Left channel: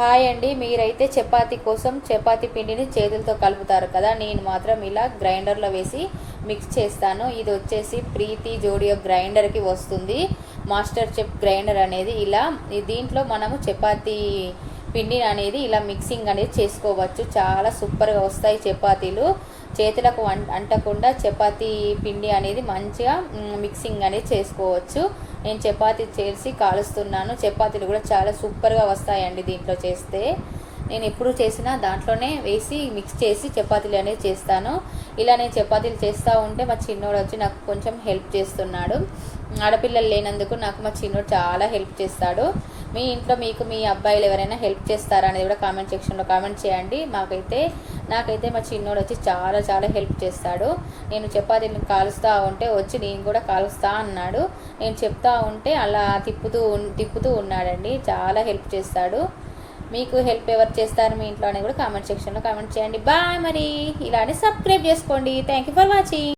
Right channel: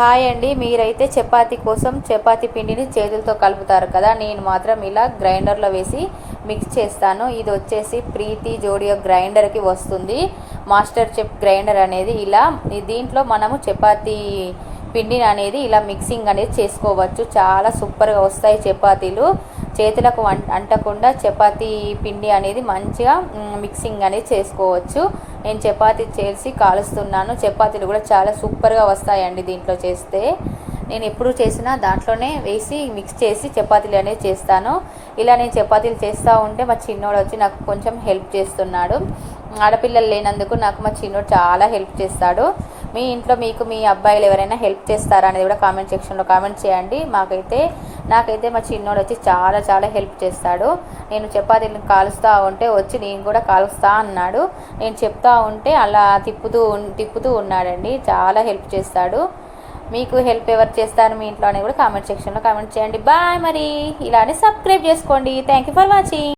Hi అండి. మీరైతే చపాతీ కోసం చపాతీ పిండిని చేతులతో కలుపుతారు కదా, నేను మాత్రం ఇలా గ్రైండర్లో వేసి మిక్స్ చేస్తాను. ఇది వచ్చేసి ప్రీతి జోడియో గ్రైండర్కి వస్తుంది. మాస్టర్ చెఫ్ గ్రైండర్ అనేది ఇలా దీంట్లో మనము చపాతీ పిండిని అనేది ఇలా మిక్సింగ్ అనేది చేసుకోవచ్చు. చాలా సూపర్గా వస్తాయి చపాతీలు. చేతులకు అంటకుండా చపాతీ పిండి అనేది మంచిగా మిక్సింగ్ అనేది చేసుకోవచ్చు. నేను చపాతీ చేసి కాలుస్తున్నాను. చపాతీలు కూడా చాలా సూపర్గా వస్తాయండి దీంట్లో చేస్తే. నేను ఎప్పుడు చేసినా దాంట్లోనే వేసి మిక్స్ చేసి చపాతీలు అనేది చేస్తాను. ఇలా నేను చపాతీలు చేస్తూ ఉంటే మా చిన్నోడు వచ్చి నాకు కొంచెం హెల్ప్ చేస్తున్నాడు. ఆడపిల్లలు లేనందుకు నాకు మా చిన్నోడు చాలా హెల్ప్ చేస్తాడు. మీ ఇంట్లో మీకు మీ అబ్బాయిలు ఎవరైనా హెల్ప్ చేస్తారా అనేది కూడా కామెంట్ సెక్షన్లో కామెంట్ చేయండి. నాకైతే మా చిన్నోడు వచ్చి చాలా చాలా హెల్ప్ చేస్తాడు. నేను చపాతీలను కాలుస్తూ ఉంటే వచ్చి నేను కూడా కాలుస్తా అన్నాడు. నేను చెప్తా ఉంటే అలా తిప్పుతూ ఉన్నాడండి. చాలా హెల్ప్ చేస్తాడు. మీకు హెల్ప్ ఎవరు చేస్తారు మీ ఇంట్లో అని కూడా కామెంట్ సెక్షన్లో కామెంట్ చేయండి. బాయ్. మరి ఇలానే సబ్స్క్రైబ్ చేసుకోండి. Thank you for watching.